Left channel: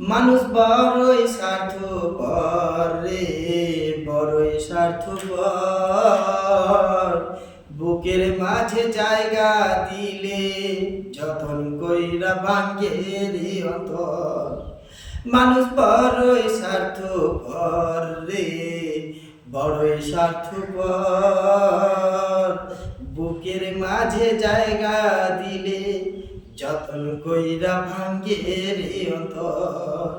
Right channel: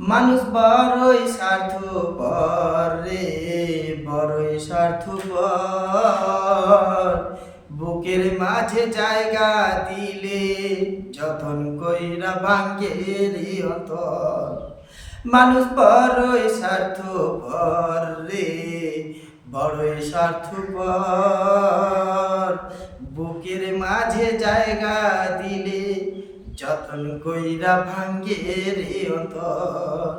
মানুষ বড়ই স্বার্থপর রে, বড়ই স্বার্থপর। বুকের মাঝে জায়গা দিলে যতন কইরা ভাঙ্গে রে অন্তর। মানুষ বড়ই স্বার্থপর রে, বড়ই স্বার্থপর। বুকের মাঝে জায়গা দিলে যতন কইরা ভাঙ্গে রে অন্তর।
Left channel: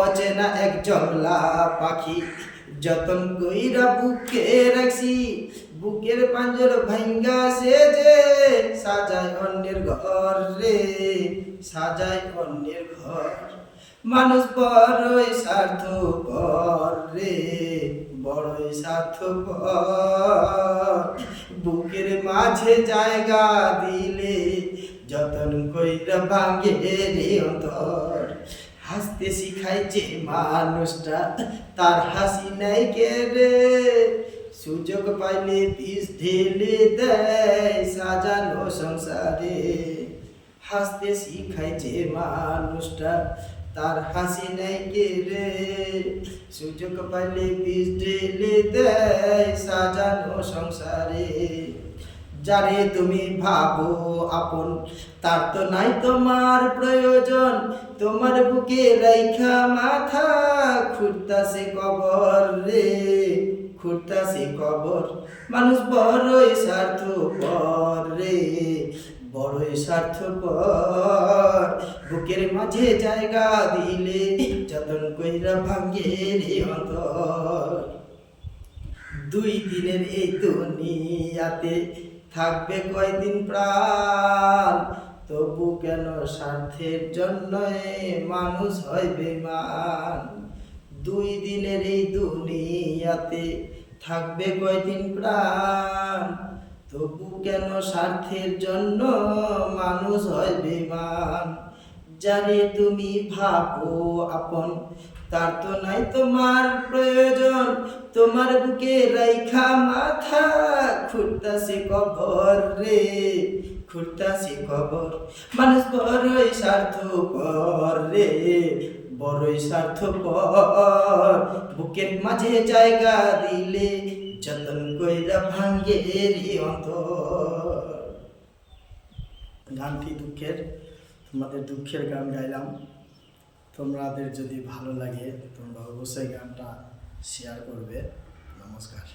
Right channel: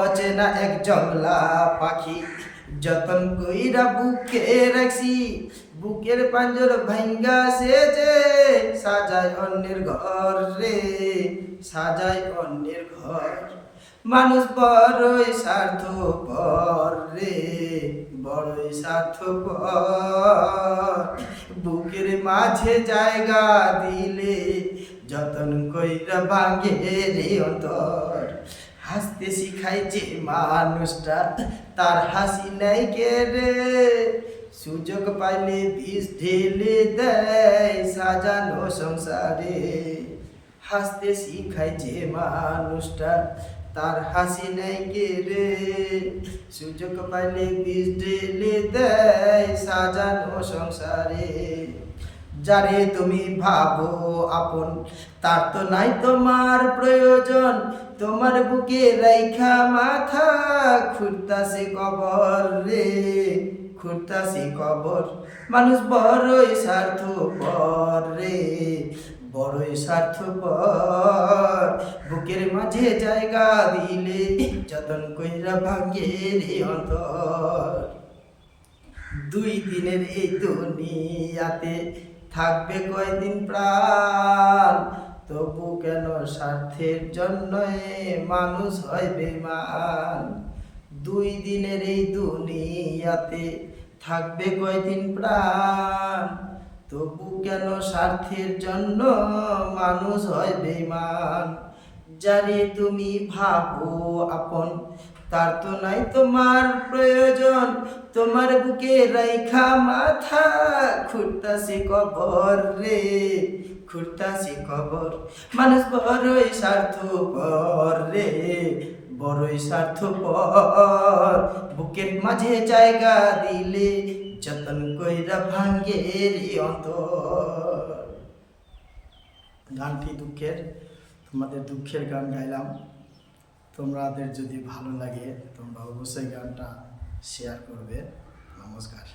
অচেনা এক জংলা পাখি যতন কইরা বুকে রাখছি, বুকের পাঞ্জর ভাঙ্গা সে যে সাজায় অন্যের ঘর রে, সাজায় অন্যের ঘর। মানুষ বড়ই স্বার্থপর রে, বড়ই স্বার্থপর। বুকের মাঝে জায়গা দিলে যতন কইরা ভাঙ্গে রে অন্তর। হাসতে শিখাই যে মানুষটা তার হাসি নাই কে রে, সুযোগ পাইলে বিষ ঢেলে দেয় সাজানো সংসারে। হাসতে শিখাই যে মানুষটা তার হাসি নাই কে রে, সুযোগ পাইলে বিষ ঢেলে দেয় সাজানো সংসারে। যারে তুমি ভাবো আপন তার তো নাই তোমার প্রয়োজন, তোমার বুকে রেখা মাথা খুঁড়তাছে কবর রে, খুঁড়তাছে কবর। মানুষ বড়ই স্বার্থপর রে, বড়ই স্বার্থপর। বুকের মাঝে জায়গা দিলে যতন কইরা ভাঙ্গে রে অন্তর। দুই দিনের এই দুনিয়াতে থাকবে কয়দিন প্রাণ, তবু কেন স্বার্থের জন্য মানুষ হয় বেমান। দুই দিনের এই দুনিয়াতে থাকবে কয়দিন প্রাণ, তবু কেন স্বার্থের জন্য মানুষ হয় বেমান। যারে তুমি ভাবো আপন তার তো নাই তোমার প্রয়োজন, তোমার বুকে রাইখা মাথা খুঁড়তাছে কবর রে, খুঁড়তাছে কবর। মানুষ বড়ই স্বার্থপর রে, বড়ই স্বার্থপর। বুকের মাঝে জায়গা দিলে যতন কইরা ভাঙ্গে রে অন্তর। গানটি দুঃখের, তোমাদের দুঃখের গান গাইলাম। তোমাদের যদি ভালো লাগে তোমরা অবশ্যই গানটা শেয়ার করবে। নমস্কার।